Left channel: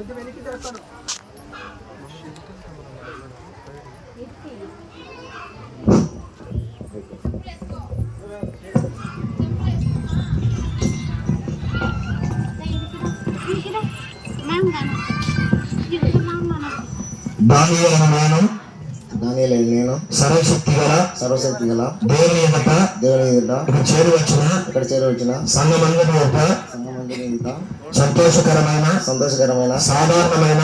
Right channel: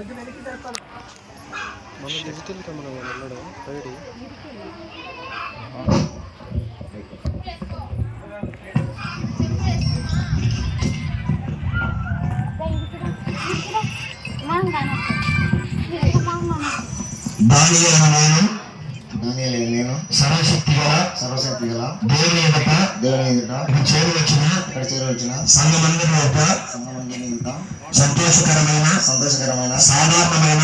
కొంచెం వెనక్కి జరుపుతాను. మన డిజిటల్ కెమెరా వెళ్ళడం ఫ్రైడే నేను సర్వశక్తి గల దేవుని ఎదుట ఇక్కడ చేరవచ్చిన సంఘమందరి ఎదుట సంతోషకరమైన సాధారణమైన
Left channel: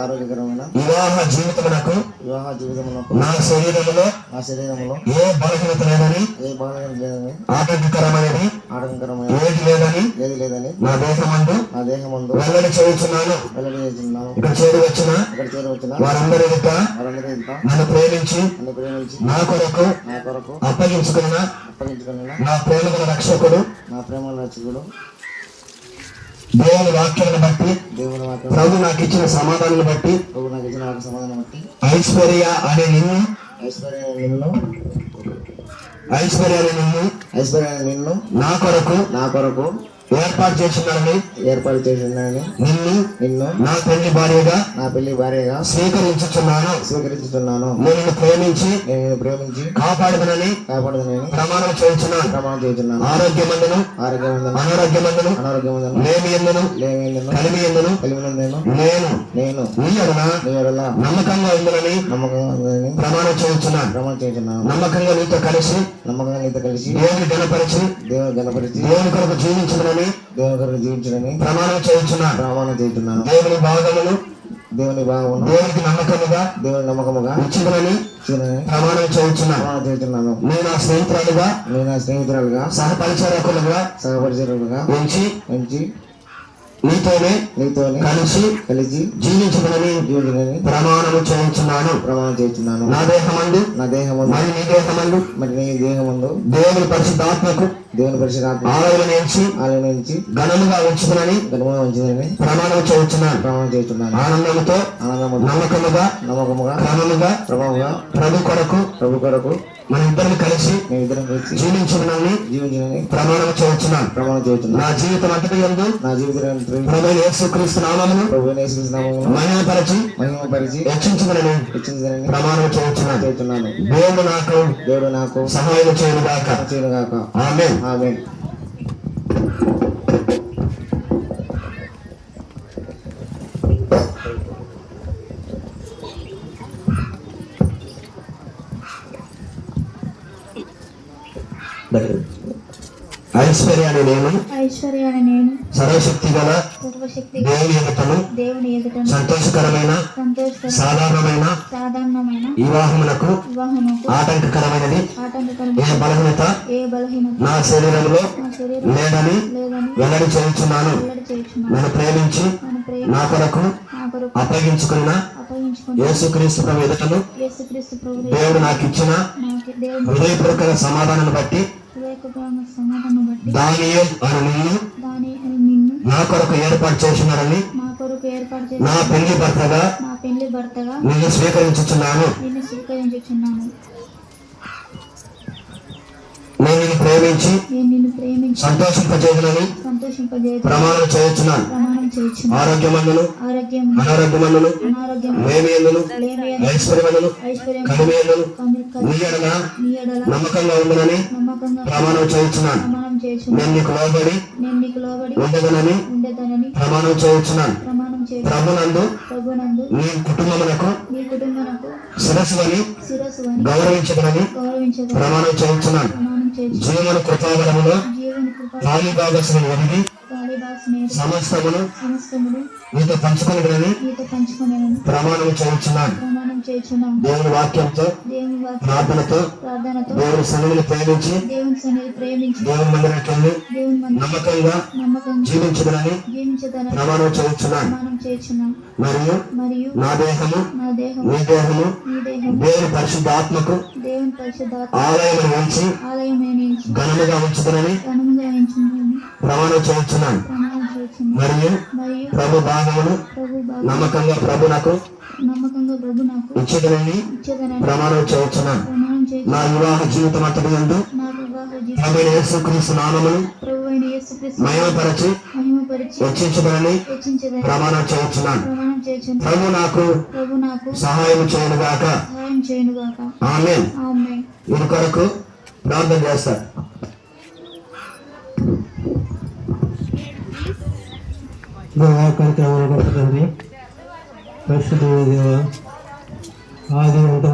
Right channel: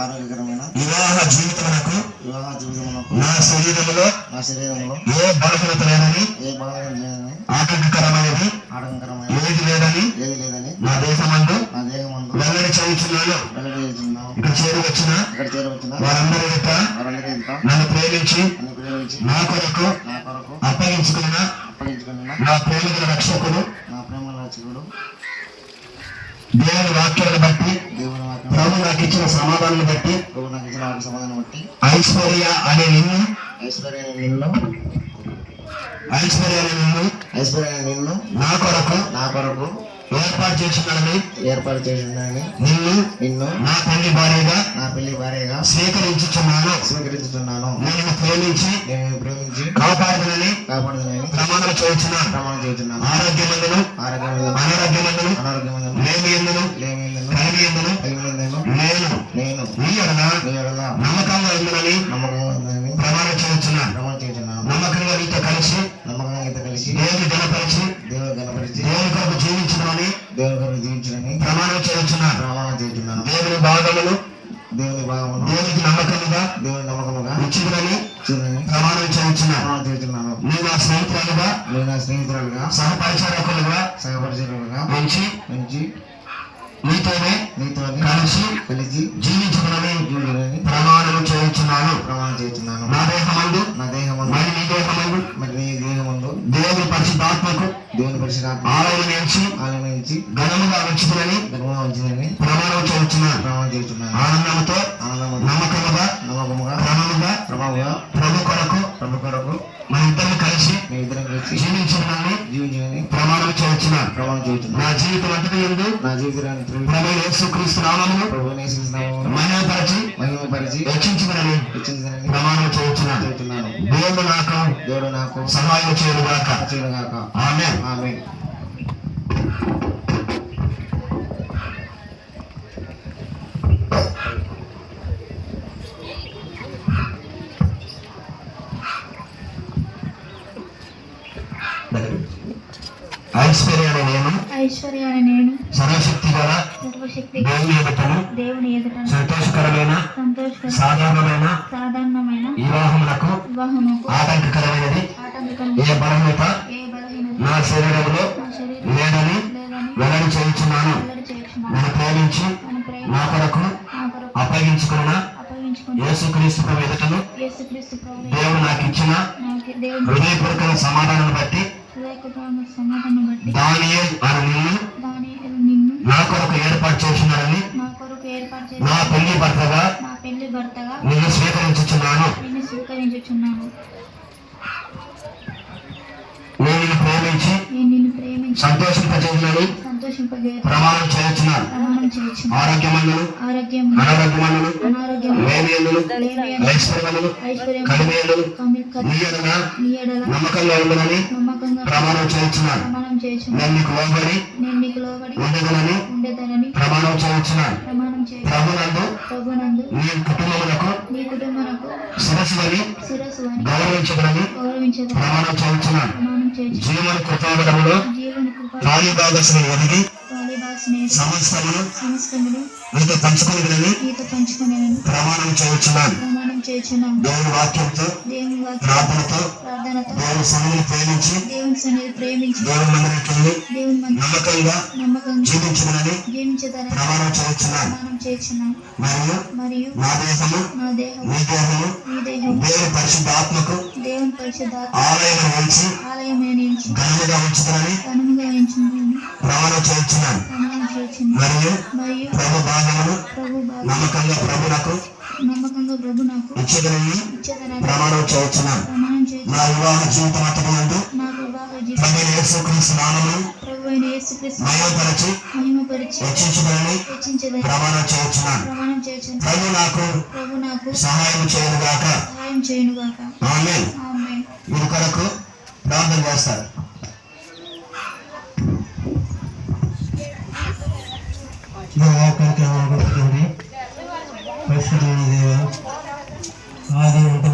ఆరోగ్యకరమైన వివాహ జీవితమునకు నా శరీరములో ఏ బలహీనత లేదని ఆరోగ్యకరమైనది ఏది లేదని నా దేహమందు వెల్లడి చేయుచున్నాను. ఇక్కడ చేరవచ్చిన వారందరి ఎదుట నన్ను ప్రేమించి నా కొరకు అప్పగించుకున్న నా ప్రేమగల రక్షకుడు దేవుని వాక్యాలను బట్టి ప్రభు నాకు ఇచ్చిన సమాధానాన్ని బట్టి ఐశ్వర్య అనే నిన్ను నా కొరకు ఏర్పాటు చేస్తున్నానని నిన్ను నా పెళ్లి భార్యగా స్వీకరించుచున్నాను. నేను ప్రేమించి కాపాడుదనని ప్రమాణం చేస్తున్నాను. ఆరోగ్యమందును అనారోగ్యమందును లేమి ఎందును కలిమి ఎందును నేను నీ ఎడల నమ్మకంగా ఉందని ప్రమాణం చేస్తున్నాను. నమ్మకంగా నీతో కలిసి దేవుని గణపరిచి దేవుని కొరకు జీవించడమని ప్రమాణం చేస్తున్నాను. దేవుని భాగములు దేవునికి నమ్మకముగా ఇచ్చిందని ప్రమాణం చేస్తున్నాను. నేను నా స్నేహితురాలుగా సహపరిచారకులుగా ఉంచి నీతోనే కలిసి జీవించదనని ప్రమాణం చేస్తున్నాను. నా దేహమందు మరి నీ దేహమందు దేవుని పరిశుద్ధాత్మకు ఆలయం నుంచి ఘనముగా ఉంచుదనని ప్రమాణం చేస్తున్నాను. ఆనందముతో నమ్మకముగా క్రమముగా ప్రభు కొరకు మన ఇద్దరం కలిసి జీవించదనని ప్రమాణం చేస్తున్నాను. నా జీవితం అంతటి యందు ప్రభువైన యేసుక్రీస్తు నామమును మహిమపరిచి రక్షించదనని ప్రమాణం చేస్తున్నాను. దేవుడు నాకు సహాయం చేయనుగాక. ఆమేన్. ఐశ్వర్య అనే నేను సర్వశక్తి గల దేవుని ఎదుటను సంతోషకరమైన సాధారణమైన వివాహములకు ఆటంకకరమైనది ఏ బలహీనత నా శరీరంలో లేదని వెల్లడి చేయుచున్నాను. నన్ను ప్రేమించి నా కొరకు అప్పగించుకున్న యేసుక్రీస్తు ప్రభు ఎదుటను దేవుడు నాకు ఇచ్చిన హృదయపూర్వక సమాధానాన్ని బట్టి దానియేలు అను నిన్ను నా కొరకు ఏర్పాటు చేస్తున్నానని నా పెళ్లి భర్తగా నిన్ను స్వీకరించుచున్నాను. నేను నిన్ను ప్రేమించి సంతోషింపజేయునని ప్రమాణం చేయుచున్నాను. ఆరోగ్యమందును అనారోగ్యమందును లేమి యందును ఐశ్వర్యమందును కలిమి యందును నీ ఎడల నమ్మకంగా ఉండునని ప్రమాణం చేయుచున్నాను. నేను నీకు లోబడి ఉండదనని ప్రమాణం చేయుచున్నాను. ప్రభునందు నీ కుటుంబమునకు శిరస్సుని గౌరవించదనని ప్రమాణం చేయుచున్నాను. జీవన కృపాగరములో కాళీ భాగస్సును ఒదిగి సమస్తమును నీతో పంచుకునేదని ప్రమాణం చేయుచున్నాను. దేవుని వాక్యంతో ప్రార్థనతో దేవుని సన్నిధిని ప్రేమించి దేవుని మందిరానికి వెళ్ళి నమ్మకంగా జీవించదనని ప్రమాణం చేయుచున్నాను. మరియు నా దేహము నీ దేహము దేవుని పరిశుద్ధాత్మకు ఆలయం ఉంచి ఘనముగా ఉంచుదనని ప్రమాణం చేయుచున్నాను. మరియు ప్రభు భాగమును నమ్మకంగా ప్రభు నాకు ఇచ్చేదనని ప్రమాణం చేయుచున్నాను. నా వివాహ జీవితం అంతటి యందు ప్రభువైన యేసుక్రీస్తు నామమును మహిమపరచి పరిచి రక్షించబడని హెచ్చించదని ప్రమాణం చేస్తున్నాను. ప్రమాణం చేయుచున్నాను. ప్రభు నాకు ప్రభు నాకు సహాయం చేయను గాక. సహాయం చేయునుగాక. ఆమేన్. ఆమేన్. వీరి కొరకు ప్రార్థన చేస్తారు. వాక్యానికి ఏమనుకుంటుంది పరిస్థితి ఆది ఉంటుంది.